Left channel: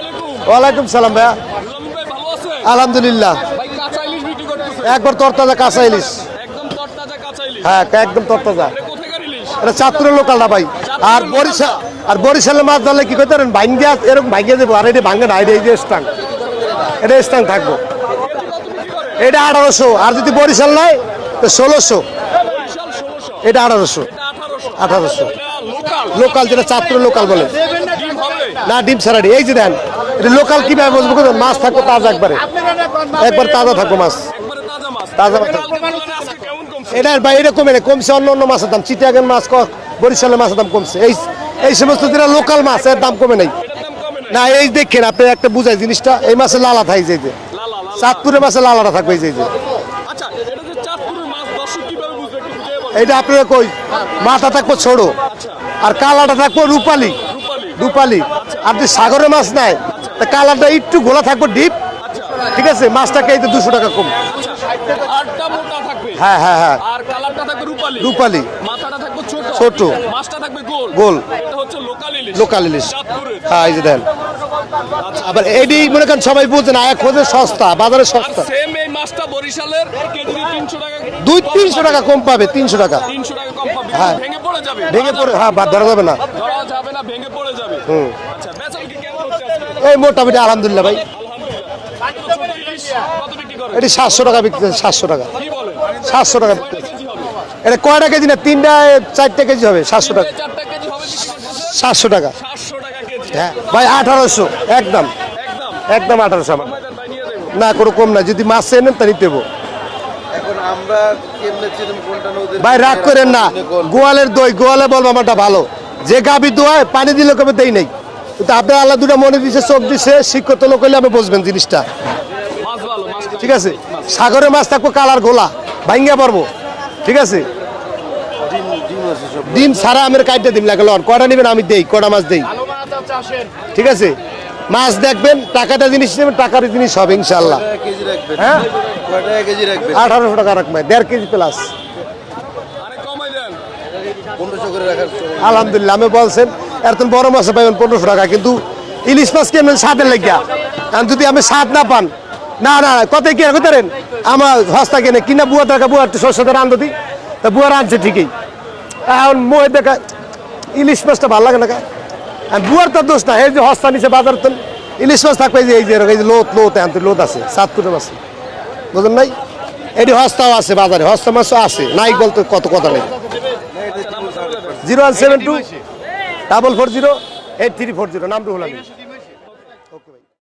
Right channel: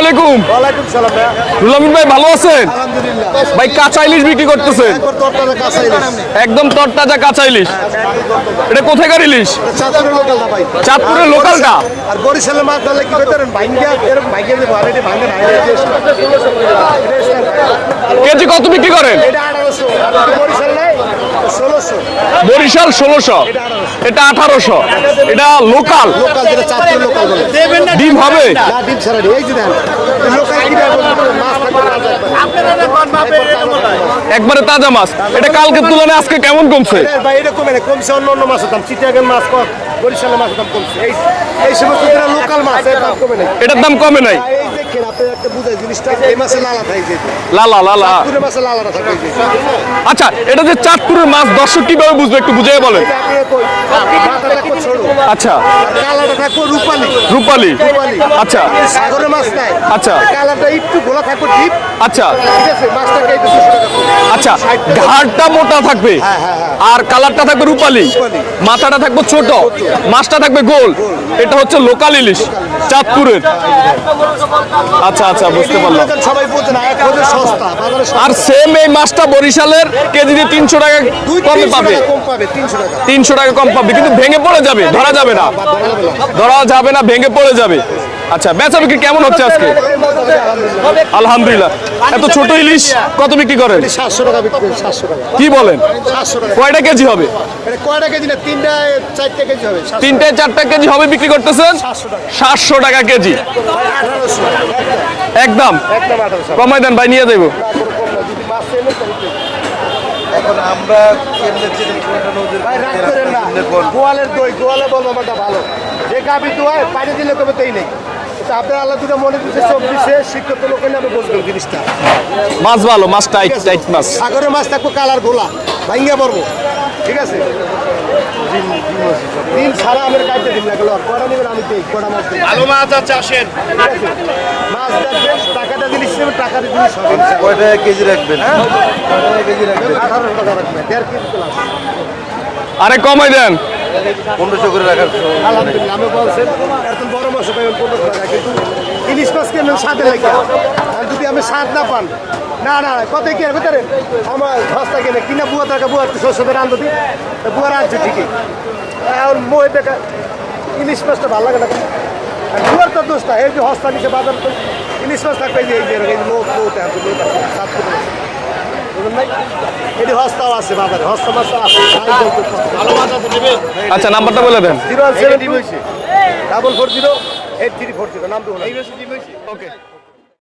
আলাইকুম। ওয়ালাইকুম সালাম ভাইয়া। রুলামিন ভাই ভালো আছেন? আলহামদুলিল্লাহ। ভাই কাঁচা ইলিশ বিক্রি করতেছে। একবার তরতাজা কাঁচা ইলিশ। একদম তরতাজা কাঁচা ইলিশ। হ্যাঁ একদম তরতাজা। এটা কোথাকার ইলিশ? এটা চাঁদপুরের লোকাল না ভাই। চাঁদপুরের আর লোকালটা? আর বরিশালের মাছ ধরলে কি করতে পারেন ভাঙ্গে এরকম ভাঙ্গে দেবো। আর এটা ভাঙ্গে না এটা এই এটা স্থান থাকবে। কেজি কত বিক্রি করেন? এটা আঠারোশো। আর যদি বরিশাল নয় ষোলোশো। বরিশাল ষোলোশো। এটা আঠারোশো। এটা আঠারোশো। এটা লোকাল। লোকাল যেটা চাঁদপুরের লোকাল বলে। ডিম হবে? না। ডিম ছাড়া এই যে দাম লোকাল কি ভাই বলতে মাছ থাকবে তাজা একবারে। একবার তাজা থাকবে মাছ। একবারে তাজা মাছ। এটা কালকের তুলনায় আজকে কেমন কমছে? ভাই এরকম কমছে অন্য অন্য মাছের দাম। চিটাগান মাছ কম বরিশালের মাছের দাম কমছে। এই এই সমস্ত যেটা লোকাল মাছের দাম কমে নাই। এটার দাম কমে নাই? না এই দেখেন আপনি একটা বুঝাই জিনিসটা এই মাছে লালা থাকে যে যে। লালা লালা। চাঁদপুরের মাছে লালাটা থাকবে এই যে যে। আচ্ছা এটা যে চাঁদপুরের মাছ দর্শক কীভাবে বুঝবে? একটু বুঝিয়ে বলেন। এটা আপনারা কই? মাথা থাকবে ছোড়ো। আচ্ছা। আর কালাটা থাকবে রূপালি। রূপালি। রূপালি। আচ্ছা। আপনি সাগরের মাছ নাই। আচ্ছা। তো কালারটা একটু গোলা থাকবে ডিপ আচ্ছা। ঠিক আছে মাছটা খাইতে দুশো টাকা কম আচ্ছা ঘাড়টা মোটা থাকবে? হ্যাঁ, হ্যাঁ, হ্যাঁ। আর কালারটা থাকবে রূপালি? রূপালি। মাথাটা থাকবে ছোট? ছোট। মাছটা থাকবে গোল? গোল। এটা হচ্ছে লোকাল ইলিশ লোকাল ইলিশ। চাঁদপুরের। হ্যাঁ, এই দেন। আচ্ছা আচ্ছা বুঝতে পারলাম। সবাই বুঝে না হাজার সস্তা বাজারে আর সেম এই মাছটা বরিশালের কেজিতে তিনশো টাকা দুই কমে পাবে। টাকা কম পাবে তিনশো টাকা। তিনশো টাকা কম পাবে কিন্তু ভেঙে পড়ে যাবে ধরা যাবে না। ধরা যাবে না। ধরা যাবে না ভেঙে পড়ে যাবে। আচ্ছা বেচা বিক্রি কেমন হচ্ছে আজকে? মোটামুটি আলহামদুলিল্লাহ। আলহামদুলিল্লাহ। এত ছোট ইলিশ কত বিক্রি করেন? সাতশো টাকা বিক্রি করে, সাতশো টাকা। কি বলেন? সাতশো টাকা। কয়টা কেজি হবে? এটা কয়টা কেজি না তিনটা চারটা কেজি হবে তিনটে চারটা কেজি হবে বিক্রি করতেছেন? সাতশো টাকা। সাতশো টাকা কেজি। ভাই আঠারোশো একদম। একদম? একদম আঠারোশো। কমাই দেন ভাই নিয়ে দেবো না কোনো কম না যদি মাছ এনেন তাহলে দেবো। এখন আমরা ভাই রাগ করেন না। গোয়ালের দই গোয়ালে বলব আমারটা ভালো। যে গাভি দোয়ায় পানি দিলে কবে দেই নেই। কিন্তু আপনার আল্লাহ দুটো মনে দিচ্ছে চোখ দিচ্ছে শিক্ষিত লোক হলে আমি বুঝবেন জিনিসটা। মাছ ভালো মাছ টাইট টাইট মাছ। সাগরের মাছ থাকব কালার গোলা ঠিক আছে? ডিম দিন লাগে লন। কটা নেবেন? আমি দেই কটা মাছ দেই। ভালো মাছ আছে আসেন। ঠিক আছে? মাছ দেখবেন টাকাটা জিনিস নেবেন টাকার জিনিস হবে কেজি রাখবেন? কয় কেজি রাখবেন? টাকা কেজি প্লাস আরে কমাই দেন। পনেরোশো করে রাখার তো- আলহামদুলিল্লাহ, আমি বলছেন এত বড় মাছে পাইবেন পনেরোশো টাকা, কিন্তু ইলিশ মাছ কেমন সাথে লেগিয়া? আর যদি আমি স্বাদ না পান, না না, কত কি পারেন আমার হস্তা কিনে, কিনা বুয়া টাকা বুয়ার তো শস্য করে আনতে দিই তা বুয়া আনছে ঠিকই। এখন মুয়ে দেখা, ইলিশ মাছটা ভালো লাগে না? আর বুয়ার তো দোষ এই যে হস্তা নিচে বাজার তো, ইলিশ মাছ থাকবে যে, এই যে, এই লোত লোত, এখন লোত আছে সাতপুরের আছে বুঝলেন নাই এটি হস্তাও আছে বাজারে, হস্তা মাছও আছে, নাই বলতে কত কথা আচ্ছা নাম্বারটা বলে দেন। Zero seven two double four zero eight three four zero নাম তো ওকে